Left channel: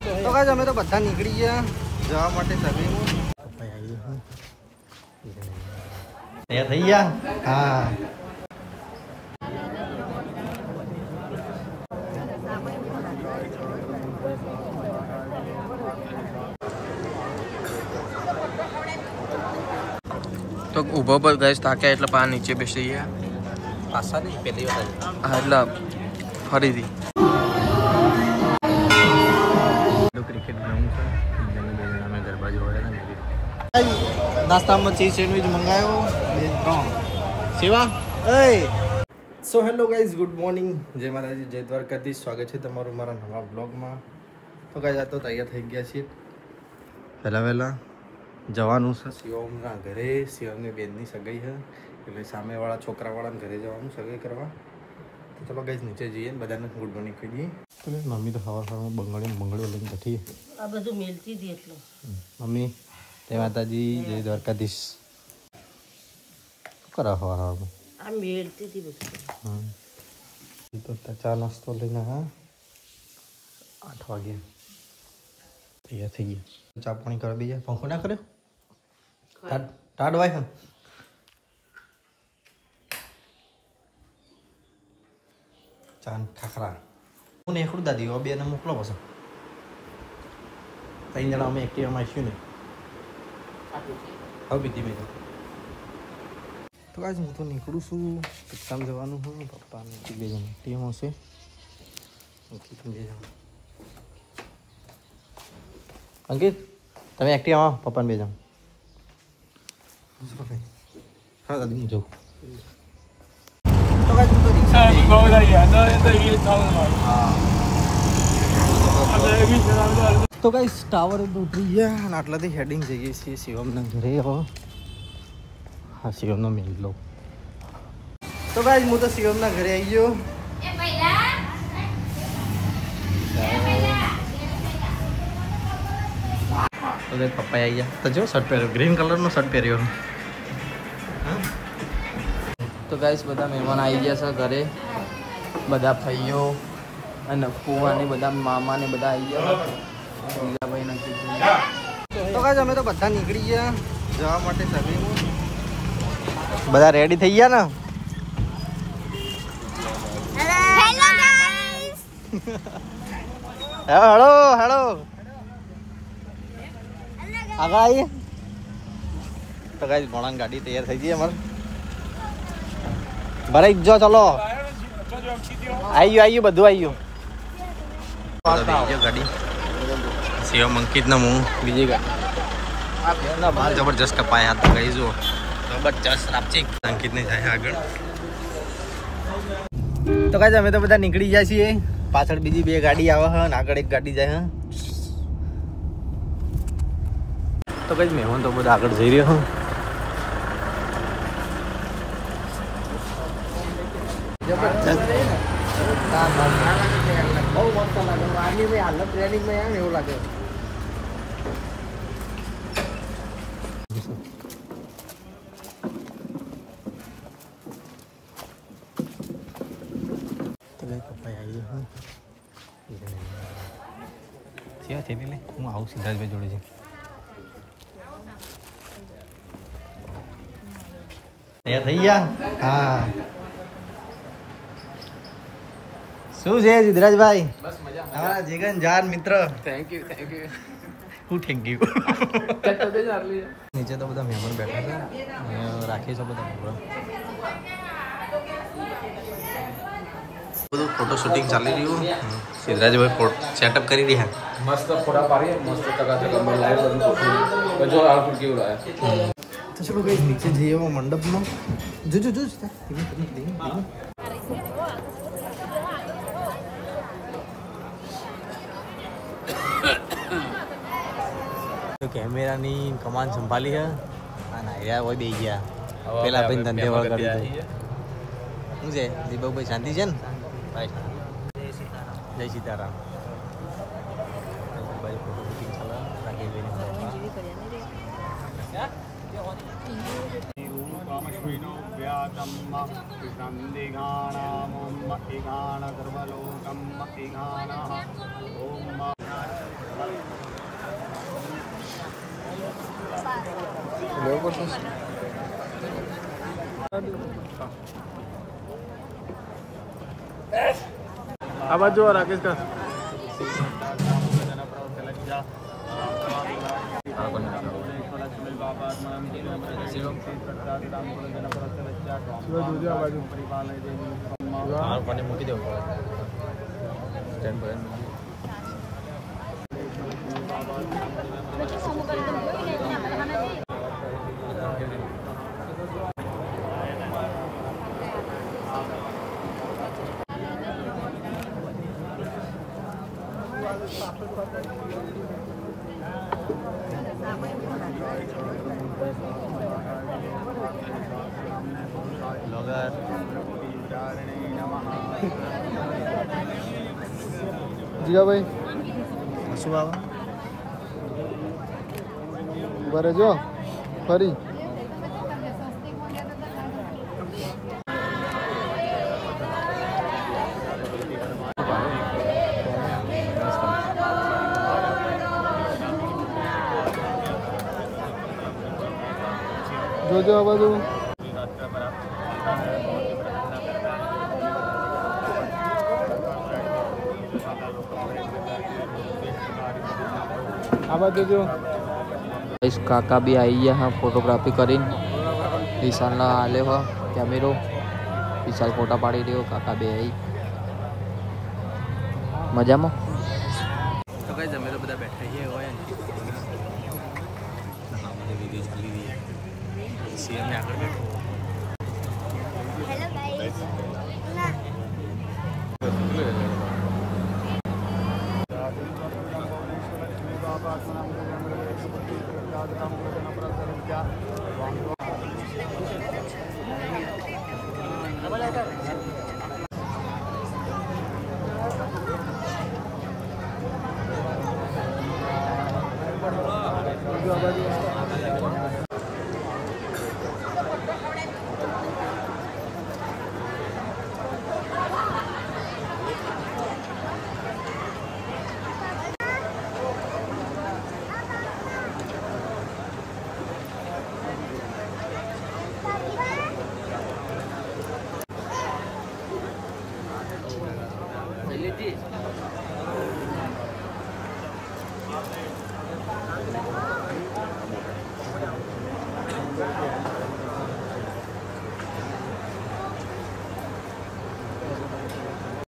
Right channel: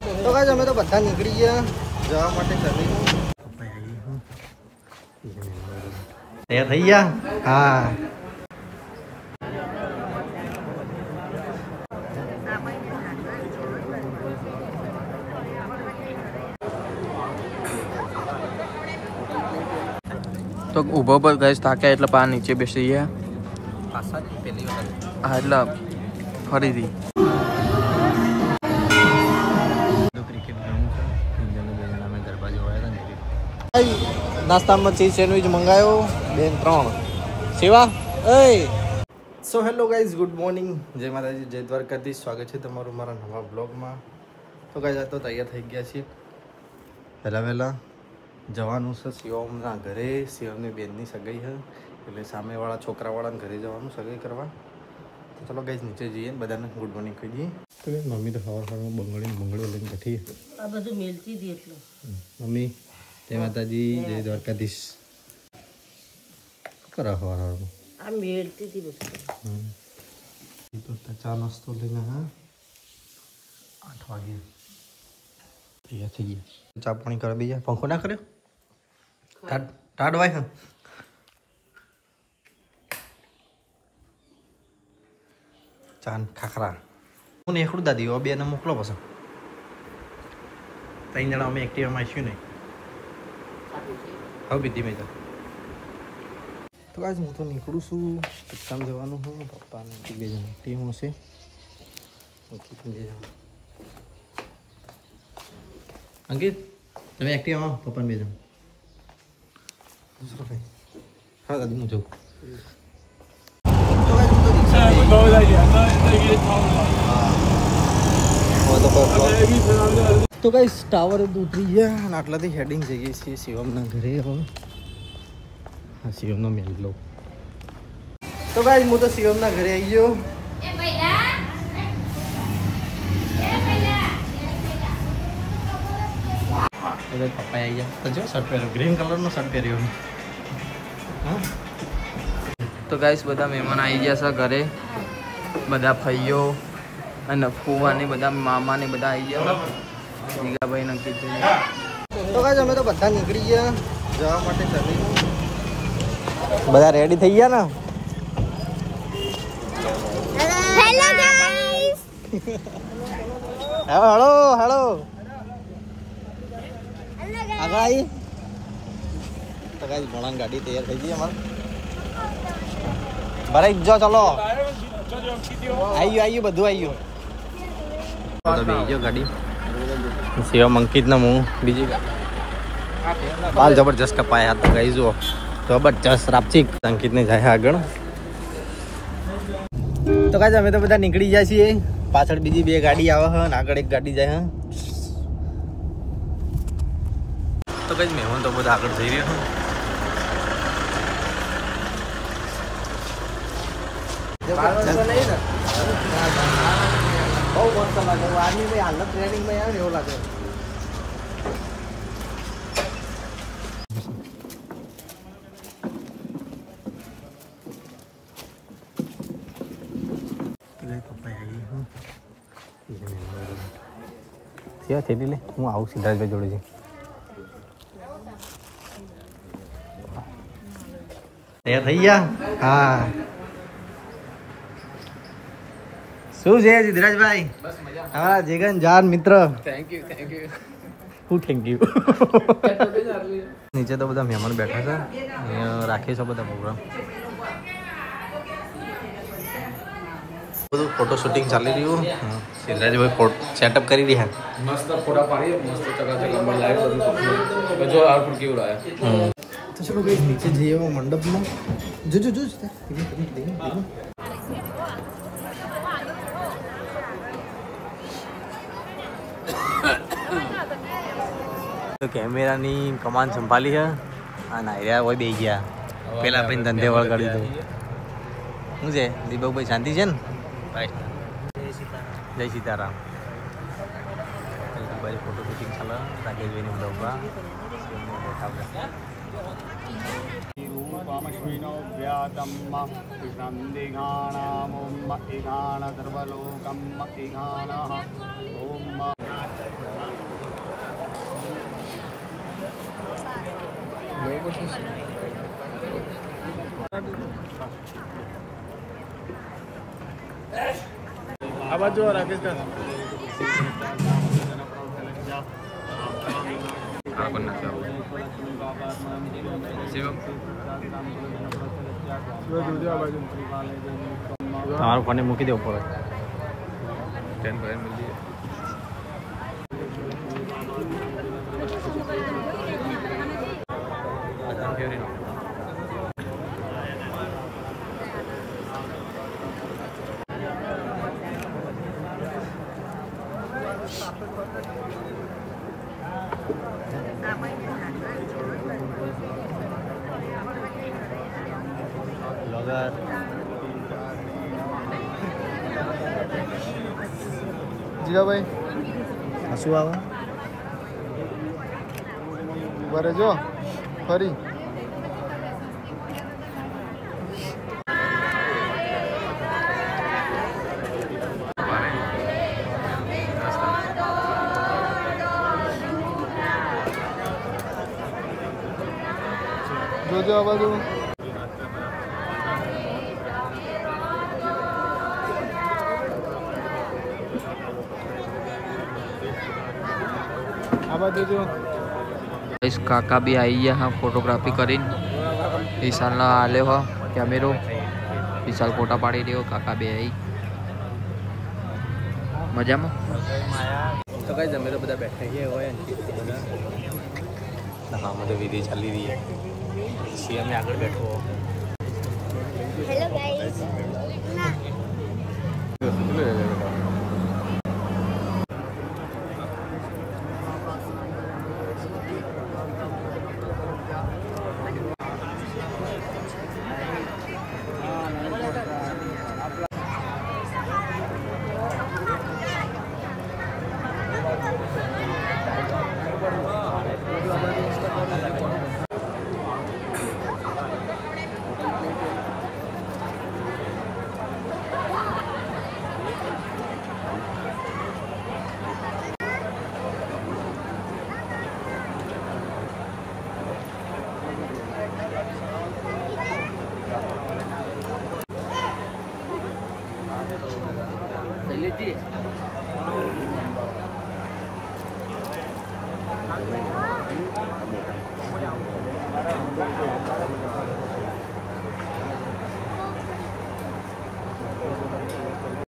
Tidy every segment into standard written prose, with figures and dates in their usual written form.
तो गाइस અમે તો બધા નીકળી ગયા જવા માટે સર્વિંગ તૈયાર થઈ ગયા હા તો ઊભો પર ગાઈસ થાક્યા એટલે પા નીચે બેસી ગયા પાછા નહીં પહેલી વખત હા એટલે ફરીથી ક્રિકેટ ગ્રાઉન્ડ છે બે જણા અમે ગરબા જોવા આવ્યા હતા ને નાસ્તામાં ચીઝ સેન્ડવિચ મંગાવ્યો 2 3 સેવા એ સો હેલો ગાઈઝ ગુડ મોર્નિંગ જય માતાજી જય દ્વારકાધીશ સ્વાગત છે તમારું મારા નવા બ્લોગમાં તો ગાઈઝ આ તો તૈયાર થઈ ગયા છીએ વહેલા જવાનું છે શિવમના ઘરે શિવમની બેનની સગાઈ છે એટલે સામેવાળા છોકરાવાળાને ઘરે જવાનું સગાઈ કરવા તો ચલો ગાઈઝ નીચે જઈએ ને બધાને ગુડ મોર્નિંગ કહી દઈએ તો મમ્મી તો સવારમાં બંગડીઓ લઈને બેઠી આ બધું મેલતી હતી એટલે મમ્મી જય માતાજી જય દ્વારકાધીશ શું કરો સવારમાં આ મેલતી હતી બધું તો ચા નાસ્તો લઈને હા 8 વાગે તૈયાર થઈ ગઈ ચા પાણી કરી દઈએ પંખો ના કર્યો ટાઢવાય હા ચાન ખાખરા હું ને એકડું દાદી બે ને મોકલો પછી 3 જણા અમે એક્ટિવામાં આવીશું નહીં હવે બીધી મેં તો કાંઈ હું તો નીકળું છું કામ જવાનું હું પપ્પાને 2 જણા એક્ટિવામાં છે 2 જણા અંકિત તમે એક્ટિવામાં પપ્પાને 2 જણા હા દાદી હું જઉં તો કઈ ટાવર ઉતરી ગયા અને આટલાથી હેડિંગ જઈએ છીએ શિવમના ઘરે હવે હા શિવમનો મેલ્લો તો કઈ હું તો શિવમના ઘરે આવી ગયો પપ્પા આવી ગયા તો જો શર્ટ પહેર્યો ગ્રીન કલરનો શર્ટ પહેર્યો તો ગાઈસ બધા મહેમાન આવી ગયા છે ઘરે બધા ભાઈઓ અને ફુવા ને બધા મામા ને બધા આવી ગયા દીગાભાઈ નક્કી તો ગાઈસ અમે તો બધા નીકળી ગયા જવા માટે સર્વિંગ બધા રેડી થઈ ગયા ને હેલો ગાઈસ હેલો હેલો આગળ આવીએ તો ગાઈસ ભણાન ગાડી તૈયાર થઈ ગઈ અમારે ભરાઈ જો ચલો આવી ગયું બધું આવી ગયું બધા બેસી ગયો ગાડી શિવમ અંકિત ને હું બીજી ગાડી બાલ જબરજસ્ત કપાયા તો ગઈ જુઓ જબરજસ્ત રાપચી અંકિત ને જાય આગળ તો કાંઈ અમે તો બધા નીકળી જાય છીએ પાછળ બીજી 2 ગાડી આવે છે અને આગળ 1 ગાડી જાય તો કઈ મહેમાન તો બધા આગળ જઈ રહ્યા બહુ મસ્ત લાગે આર્મી में हालत ट्रेनिंग में आया એવું લાગે પપ્પા આવી સેવા થઈ લે હું આવું સિદ્ધાર્થભાઈ જોડે છે તૈયાર થઈ ગયા હા શું છે સિદ્ધરાજભાઈ તમારા જીગન જાન મિત્ર થેન્ક યુ હું થેન્ક યુ નીચે તો બધા મહેમાન બેઠા છે અહીંયા રાખે છે બધા પ્રોગ્રામ બધું ફોટો શૂટિંગ ચાલી રહ્યું સિદ્ધરાજભાઈ ફોટો સેટઅપ કરી રહ્યા મસ્ત ફોટા પાડીએ મસ્ત ચકાચક અંદર લાઈવ બધું જો આઉટપુટ કેવું લાયા તો ચલો કઈ નીચે જઈએ મંડપમાં જોજો જો કેમેરાની કમાન સંભાળી છે અને આર્યા હોય બે ગયા પેલા ભાઈ ધંધે વળગાડી દઉં શું છે દીપકભાઈ શાંતિ છે ને જય સીતારામ બાજુ ફોટો શૂટિંગ ચાલે રાકેશભાઈની બ્લોગમાં આ બાજુ રાકેશ દા તારો પાણી મૂકી દેવું પડે સ્ટેન્ડ પર મળી જીવા ભાઈ શું આવે બરે જો ફરી જોજો આ બાજુ काका भी आई है हाँ फोटोग्राफी करीन विशाल ना आले हो कैमेरो विशाल फोटा पाड़ी रही हो काका भी आई मजा में तो कहीं जमे तो बता बैठे ही हो विधि चली रही है सीएम में आकर बैठो हेलो गाइस ना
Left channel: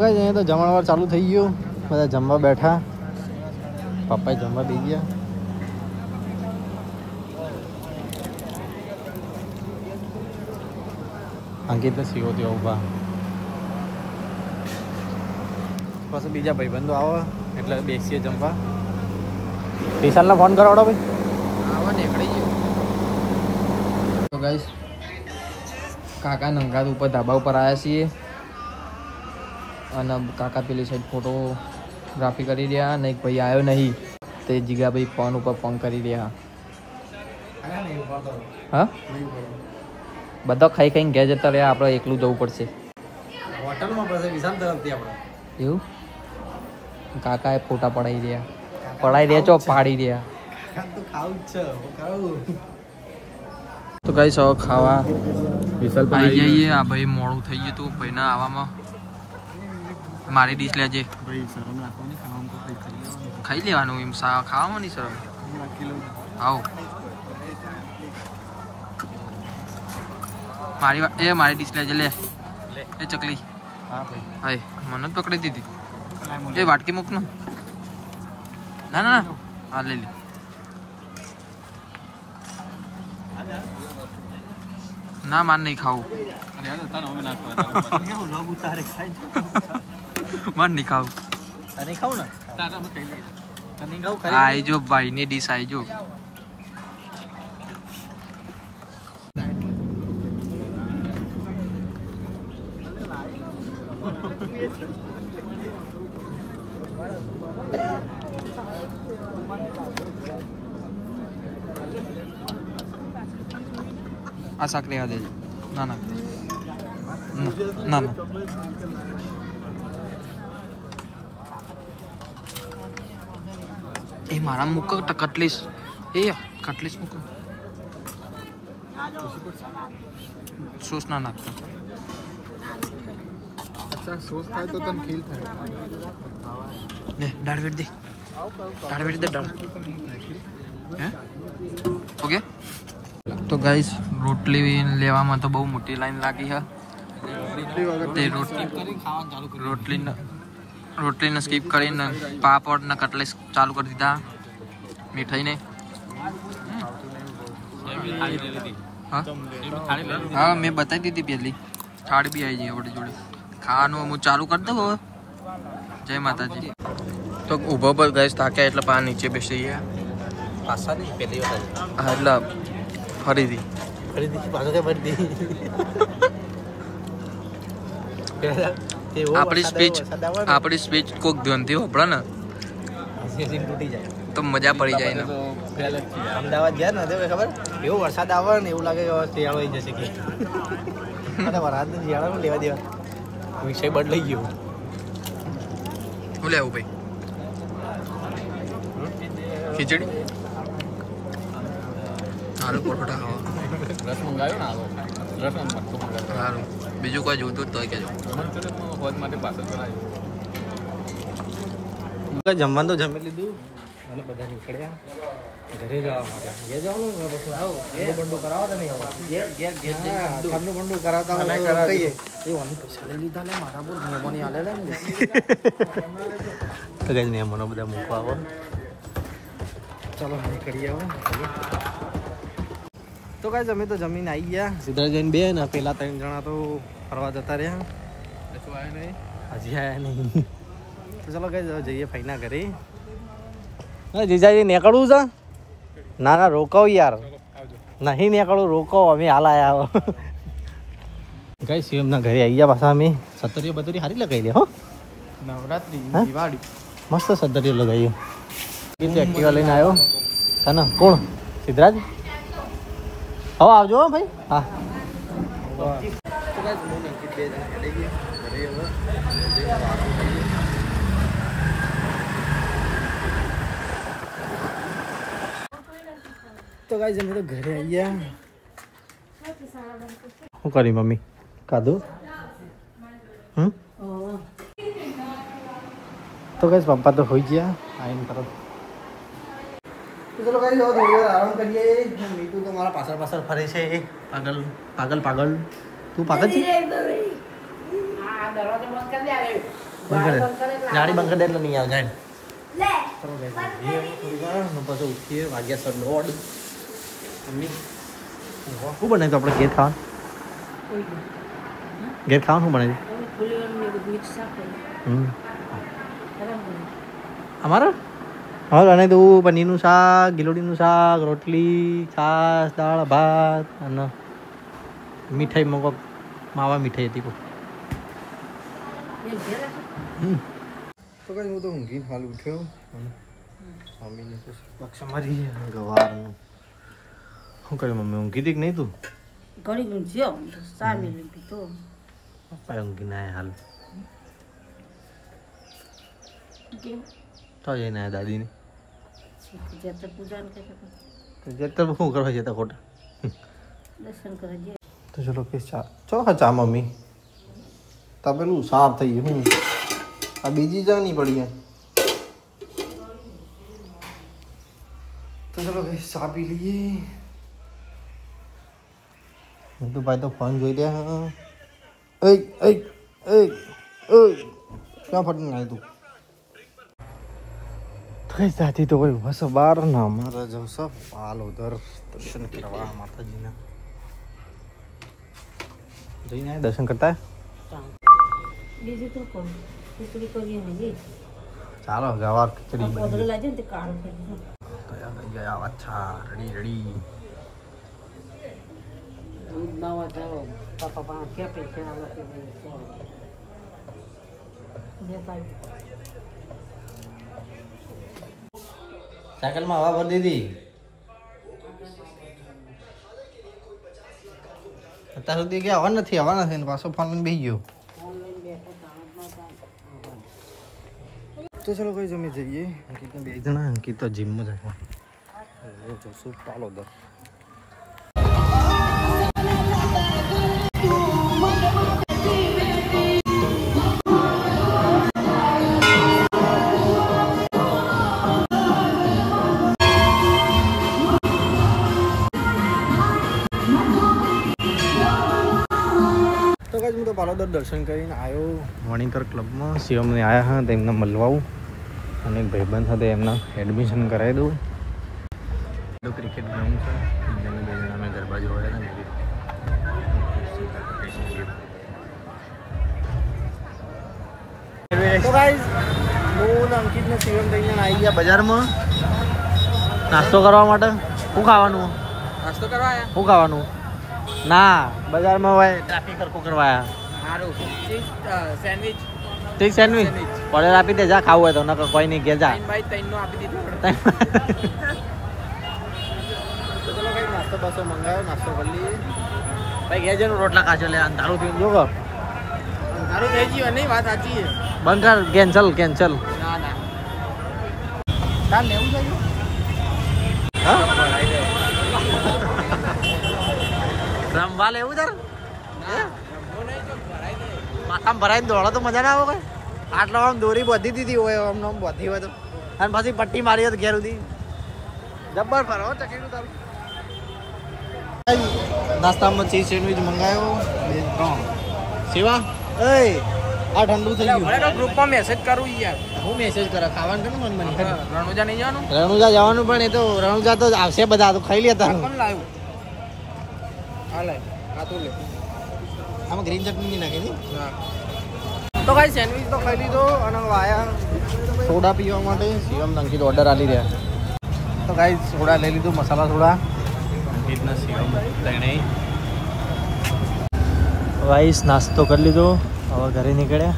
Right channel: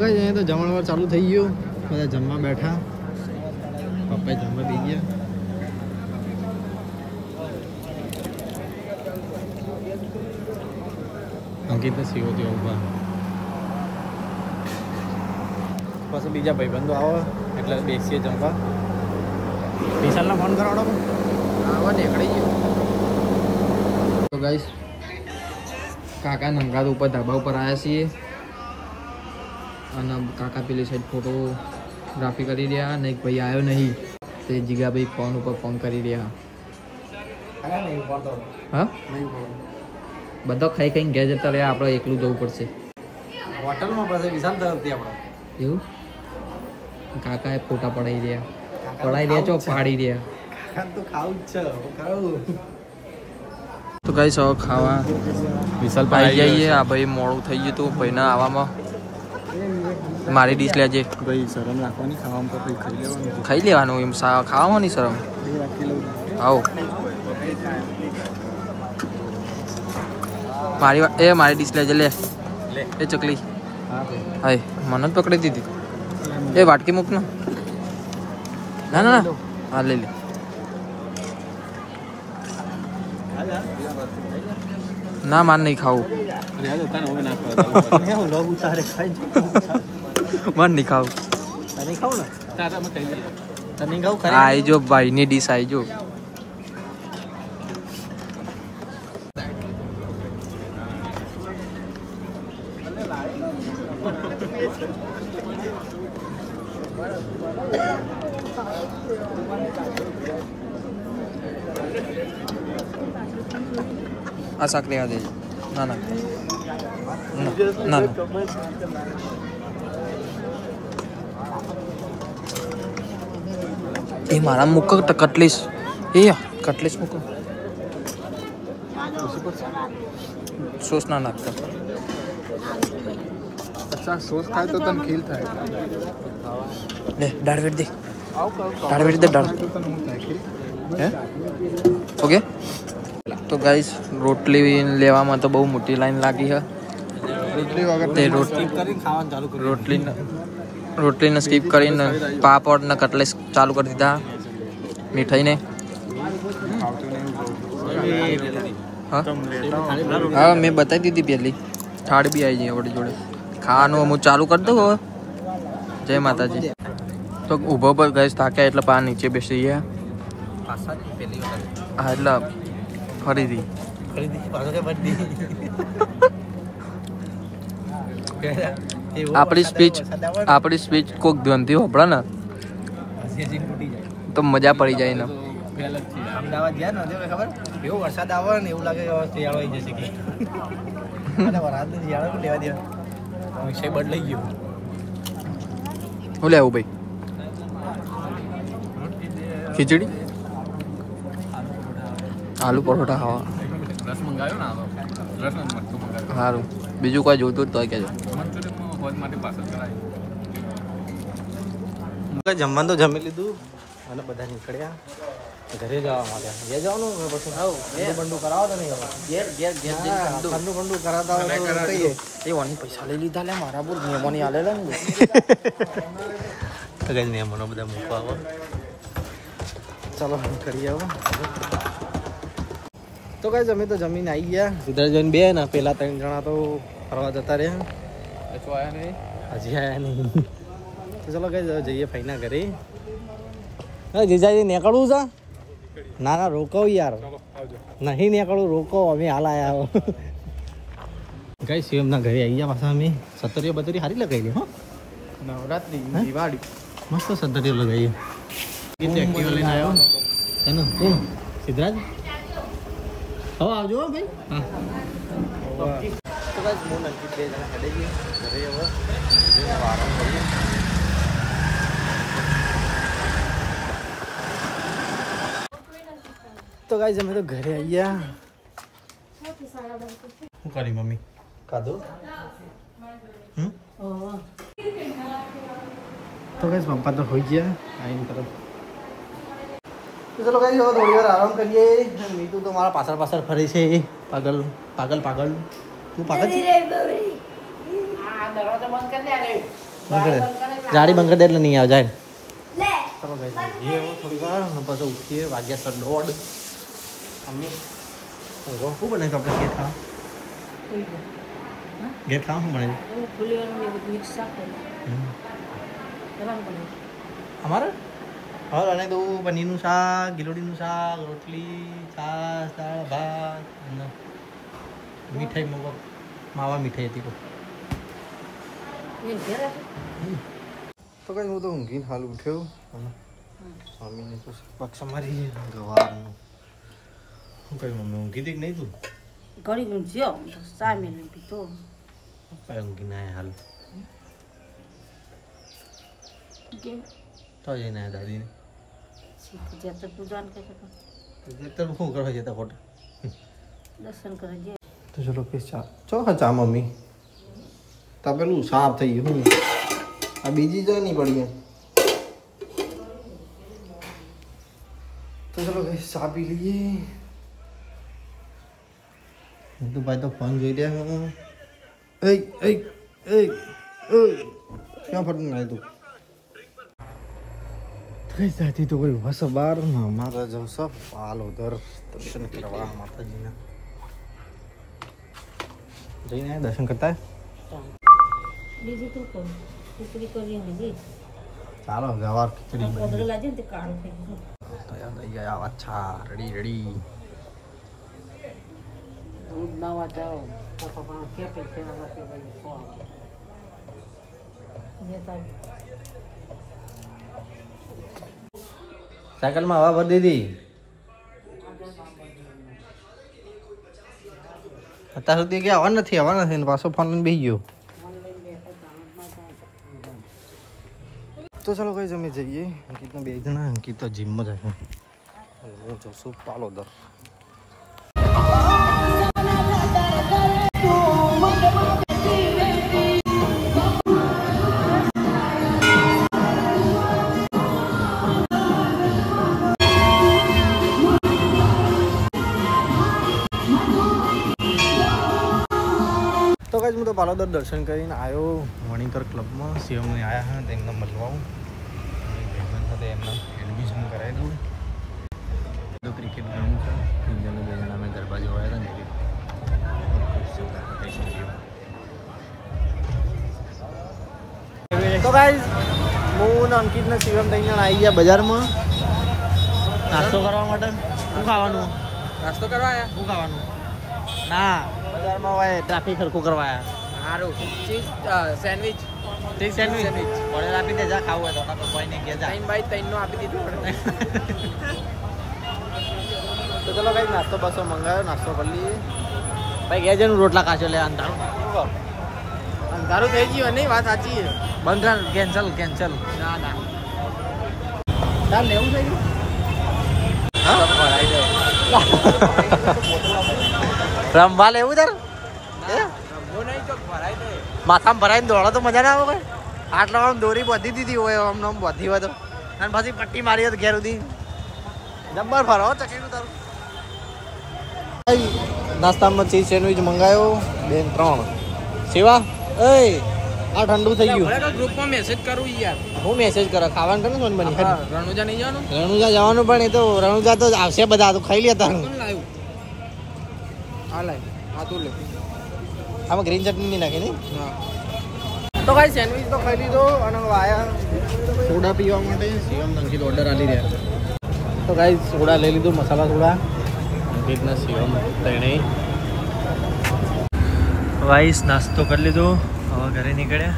અહીંયા તો જમણવાર ચાલુ થઈ ગયું બધા જમવા બેઠા પપ્પા જમવા બી ગયા અંકિત ને સીઓ ત્યાં ઊભા પાછું બીજા ભાઈબંધો આવે એટલે બેસીએ જમવા વિશાલને ફોન કરાવડો ભાઈ આવા નીકળી ગયો તો ગાઈસ કાકા નંગાત ઉપર ધાબા ઉપર આવ્યા છીએ અને કાકા પેલી સાઈડ ફોટોગ્રાફી કરી રહ્યા અને એક ભાઈ આવ્યો નહીં તે જીગાભાઈ ફોન ઉપર ફોન કરી રહ્યા હા બધા ખાઈ ખાઈને ઘેર જતા રહ્યા આપણે એકલું જવું પડશે હોટલમાં પછી વિશાલ તરફથી આપણે એવું કાકાએ ફોટા પડાવી રહ્યા ચોક પાડી રહ્યા તો ખાવું જ છે ખાવું તો ગાઈસ હવે ખાવા આવી જઈએ આ ભાઈ મોડું થઈ ગયું હતું ભાઈના આવવામાં મારી ડીશ લેજે ભાઈ શરમ રાખવાની ખાવામાં તો ખાઈ લેવાનું ખાઈ લેવાનું એમ ખાવામાં નહીં શરમ આવો મારી ડીશ લેજે લે એ ચકલી હાય મને જ પકડી દીધી એ વાટકી મૂક ને ના ના હા લઈ લે ના માર નહીં ખાવું માર નહીં ખાવું આઈ જો ભાઈની ડીશ આઈ જો આ શાક લેવા દેજો ના ના ના ના એ મારા મૂકો કટલીસ એ કટલીસ મૂકો સોસ ના નાખતા अच्छा सोच खाए तो तन खील था ले दाढ़ वेट दे दाढ़ હે ઓકે તો ગાઈસ રોટલી લેવામાં તો બહુ મોટી લાઈન લાગી છે તે રોટલીને સ્કીપ કરીને પાપડ ને કટલેસ ચાલુ કરી દીધા મીઠાઈને હા મેં બતાવી દીધી પહેલી થાળી બી આવી જઈ આપણી જોડે ખાવાનું હું ચાલુ કરી દઉં હવે જય માતાજી તો ઊભો પર ગેસ થાક્યા એટલે પા નીચે બેસી ગયા હા એટલે ફરીથી આપણી સ્પીચ કોક ધ્યાનથી હોપડા ને તો મજા પડી જાય ને અમદાવાદ ગયા ને ખબર એવું વરસાદ આવે ને એવું લાગે શિયાળો આવી જશે કે વરસાદ શિયાળાનું લેવા દેવા વિષય બદલાઈ ગયો શું લેવું ભાઈ ખીચડી આલુ પરોઠા ખાવા રસ મંગાવ્યો ને રસ સારું બીજું કોઈ જોતું જ તો કહેજો જમવાનું તો જમી લીધું અને બધા નીકળ્યા ઘરે જવા માટે ઘેર જવાનું પછી બંડુ કરાવો તો નહીં ઠંડુ બંડુ કરાવતા હોય તો કહીએ એ વાની પૈસા લઈ લીધા લે મારા બોલ મહેમાની આલે ને તો કઈ મહેમાનો બધા મૂકવા આવો ચાલો નીકળીએ હવે તો કઈ અમે તો જમીન આવી ગયા સીધા જઈને બે ને પેલા 3 જણા તો ફરવા જતા રહ્યા હજી આયા નહીં તો ચલો કઈ જઈએ ફઈના ઘરે જીજાજી નીકળવું છે ના ના રોકાવ યાર નહીં નીકળવું રોકાવ અમે હાલ આયા ગઈ શિવમના ઘરે આવી ગયા પાછા અમે સત્તરીઓ બત્તરી સારી લગાવી લે હો નવરાત્રી દિવાળી મસ્ત સત્તરીઓ લગાવી એક્ટિવા લઈને આવ્યો તને કોણ સિદ્ધરાજ હવે આવજો ભાઈ હા તો ગાઈસ હું અંકિત 2 જણા હેડે ગઈએ ઘરે હવે આરામ કરીએ તો ગાઈસ અમે તો ઘરે આવી ગયા શું કરી મમ્મી ખાધું તો ગાઈસ પપ્પા તો હોઈ ગયા આવીને તરફ તો ચલો ગાઈસ હવે થોડી વાર આરામ કરીએ મીઠું તો મારા પાછળ ફરે છે પાગલ તું પાગલ છે ગાડી બંધ કરી દે એટલે નહીં આવે જાય ચલો ગાઈસ થોડી વાર પછી ઉઠીએ વાગ્યા સર 1:30 મમ્મી શું બનાવ્યું આપણે ઘેર ખાવાનું શું બનાવ્યું અમારા હા અને તો પનીરનું શાક ગિલોડીનું શાક રોટલી છાશ દાળ ભાત અને મીઠાઈ મગો માવા મીઠાઈ હતી તો કઈ હું તો ઊંઘીને હાલ ઉઠ્યો અને મમ્મીને તો પક્ષ મારી ગવારનું શું કર્યું મમ્મી ઊંઘી હતી કે નહીં તું ઘડી ઊંઘ્યો સામે પીતો પપ્પા ઊંઘીને આવ્યા હાલ કેમ તો જઈને આવ્યા દાદીને જતા પૂજા ને જતા શું કરવા જતા ખોટા દર્શન કરવા જઈએ તો ચલો કે ચા ચો હા ચા મમ્મી તપેલું સાફ થઈ ગયું આ બીજી ચા નહીં પડી તો ચલો કે ચા પી લઈએ હું તો ભાઈ તો ફોન જોઈ રહ્યા એ ક્યાં ફટીને આવ્યું તું કઈ જાતી તો કોઈ બસ બાર ના અમારા જો સબ હાલ ઉધર દર્શન કરવા માતાજીના જઈને દર્શન કરતા બીજું તો કોણ ખીચડી કરી હતી ચાલો ગવાર ખીચડી પોદરે લાજે ને તે કાળું થઈ ગયું અચ્છા રેડી નવા જાઓ પપ્પા કે પૈસા સાયકલમાં હવા ભરી દીધી અત્યાર સુધી કે હવા નથી ને પાછો ફોન લઈને બેસી ગયો તો તો ચલો કઈ જમી જઈએ. અંકિતને 2 જણા, અંકિત તો જીમમાં જાય. હું જશું પાલોદર. તો ગાઈસ હું તો પાલોદર દર્શન કરીને આવ્યો વણીકર ક્લબમાં. શિવમને આવ્યા હા તો એમને મળવાવું અને ભાઈબંધ સાથે એમના એડમિશન કરાવી દઉં. તો ક્રિકેટ ગ્રાઉન્ડ છે. 3 જણા 2 જણા અમે ગરબા જોવા આવ્યા હતા ને. તો ગાઈસ હું અંકિત ને શિવમ 3 જણા આવી ગયા બજારમાં નાસ્તો કરવા માટે. શું ખાવાનું? નાસ્તો કરવા આયા? શું ખાવાનું? ના બજારમાં હોય ટ્રાફિક હરખું કરવા આવ્યા. સારું સેન્ડવિચ ઠીક સેન્ડવિચ પડે આપી દે. જા ખાવું હોય તો નકર કોઈ નહીં ઘેર જા. 3x3 નો આપી દીધો. તો ચલો કઈ નાસ્તો બાસ્તો મંગાવ્યો, નાસ્તો કરી લઈએ. ભાઈ ઘેર જઈને રોટલા કાચો લે. અંધારું થઈ ગયું. અંધારું થઈ ગયું નહીં? વાત સાચી છે. બંધ કર. કેન્સલ. ના ચાલ લેવું છે. હા રમવા લેવું તાર માથામાં ભરાઈને દોડો તો મજા ના આવે. કોઈ આટલા આમ દોરી બધી દીધી હોય આમ બધી હોય તો અને પછી પટ્ટી મારી હોય તો ઘેર સુધી જબ્બર ફરો ચકેલું તારું. નાસ્તામાં ચીઝ સેન્ડવિચ મંગાવ્યો 2 ને 3. સેવા એ આ ઠંડુ થઈ ગયું. ગ્રુપમાં મેસેજ કરું યાર. હું મેસેજ કરે ખાવાનું કે નહીં બની. રણુજા નહીં જવાનું? રણુજા જવાનું પણ એ તો રણુજા તો આવશે બધા તો ખાઈ લેતા. કોણ લાવ્યું? હા લાવ. હા તું લે. આમાં ગ્રીન ચટણી નહીં નાખી નહીં. તો કાંઈ સેન્ડવિચ તો ખાઈ લીધો અને આયા સોડા પીવા માટે. શિવમ અંકિત ઓર્ડર આલી રહ્યા. તો કાંઈ સોડા લઈ લીધું, મસાલા સોડા. અંકિતને શિવમ તેણે વાઈસ નાસ્તો કરી લીધો. હવે ઘરે નીકળ્યા.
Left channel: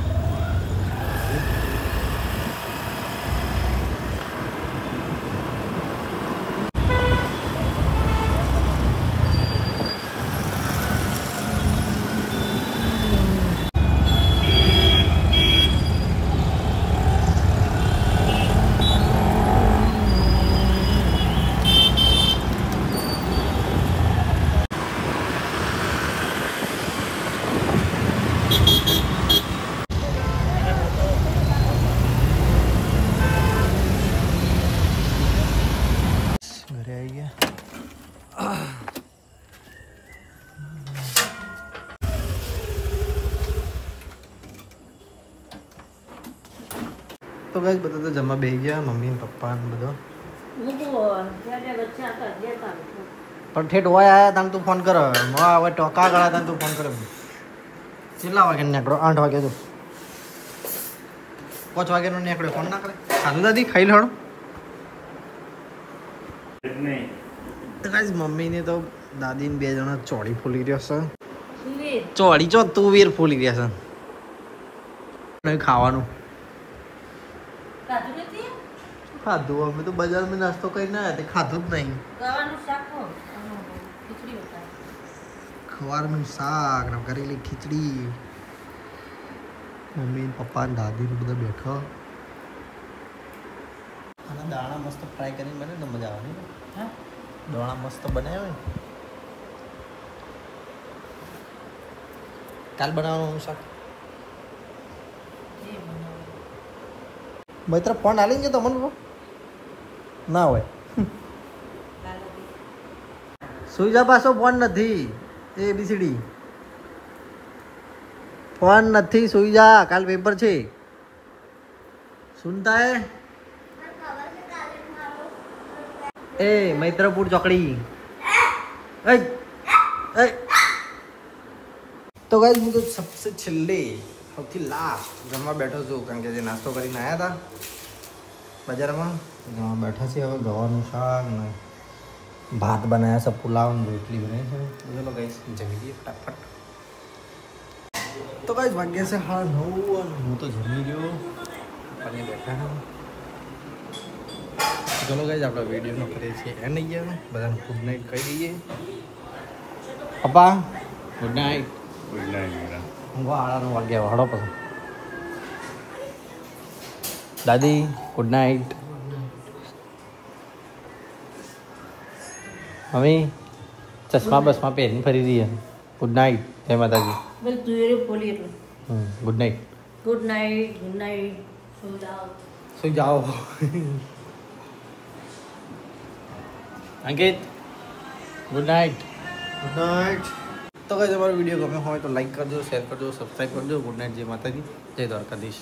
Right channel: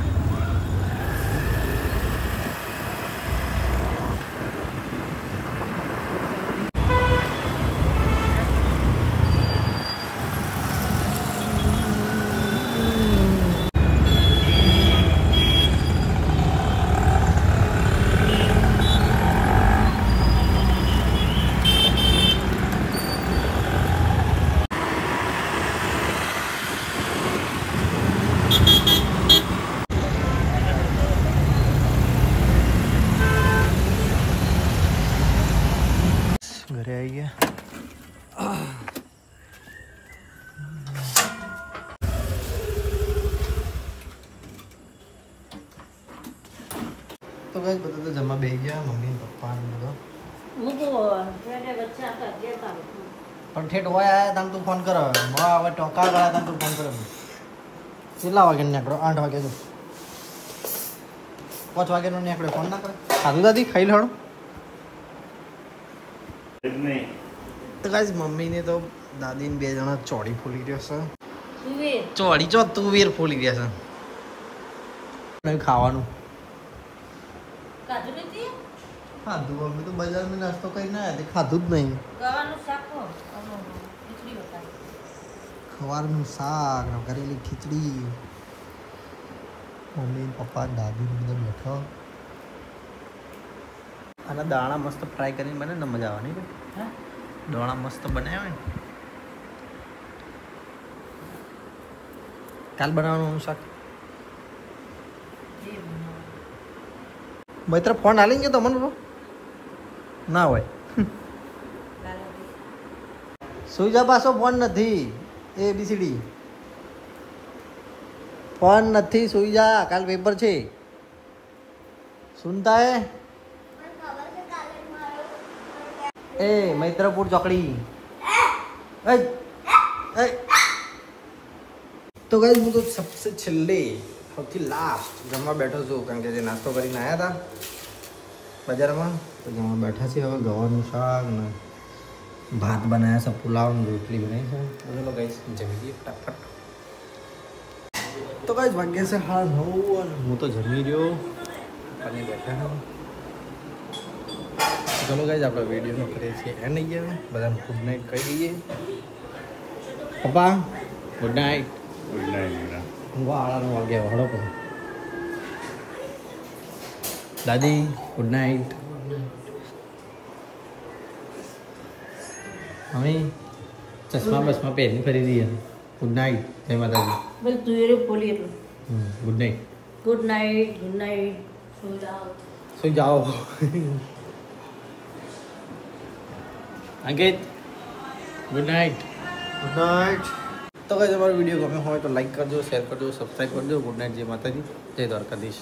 ઘરે આવી ગયા. તો ગાઈસ બધા તો જમવા બેસી ગયા. મમ્મી પપ્પા ને બધો. હું તો જ્યારે બચ્ચા હતા જતા પણ ઠેઠ હોય આયા તાન તું ફોન કર. હવે ટોકા ગળા તાન તું ફોન કર. કેટલા વાગે નીકળો? 8 વાગે. તો 5 વાગે નો નીકળ્યો. ફોન ના કરે. સાધુ દાદી ખાઈ લેડો. તો ગાઈસ મમ્મીને તો દાદીને 2 જણા ચોળી ફૂલી રહ્યા છે. સુવે ચોળી ચો તુવેર ફૂલી રહ્યા છે. ખાવાનું કાજુ નથી ખાધું. અમે તો બજારમાં નાસ્તો કરીને આવ્યા તે ખાધું જ નહીં. ગવાનું શાક ખીચડી બતાવી ખવારનું શાક ને કરેલી ખીચડી. મમ્મી પપ્પા દાદી ને બધા બેઠા. અને દાણા મસ્ત ફ્રાય કરીને બને ને મજા આવે નહીં? હા દાણા મસ્ત બનાવ્યા હોય. કાલ બનાવવાનું શાક. જે બનાવું મિત્ર ફોન હાલી ગયો તો મને ના હોય. લાલો સુઈ જા. પાછો ફોન નથી. ABCD ફોન નથી. સુઈ જા. કાલ પેપર છે. સુનતા હે? ए मैत्रपुर चौकड़ी. तो गाइस હું તો सबसे છેલ્લે સૌથી લાસ્ટ જમવા બેઠો છું કારણ કે જે નાસ્તો કરીને આવ્યા હતા બજારમાં. તો જમવા બેઠા છે. હવે ગવાનું શાક ને ભાત બનાવ્યા છે, પુલાવ ને રોટલી બનાવી છે. તો ચલો ગાઈસ જમી લઈએ ફટાફટ. તો ગાઈસ વાગ્યા છે 9:30 અને હું તો જમી રહ્યો. અને બેઠા હા. ચલો ગાઈસ આપણે વિડીયોનો કરીએ છીએ એન્ડ અહીંયા. બધાને ગુડ નાઇટ કહી દઈએ. પપ્પા ગુડ નાઇટ. Good night. ઊંઘવા 8:30 વાગ્યા હળો પછી. દાદી ગુડ નાઇટ. મમ્મી ચશ્મા બસમાં પહેરીને ફરી દઈએ. Good night. જય માતાજી. બસ તું એ બોલી એટલું. Good night. Good night, good night. સુઈ જાઓ. અંકિત ગુડ નાઇટ. Good night. તો ગાઈસ અમારો વિડીયો ગમ્યો હોય તો લાઈક કરજો, શેર કરજો, સબસ્ક્રાઈબ કરજો. Good night. જય માતાજી, જય દ્વારકાધીશ.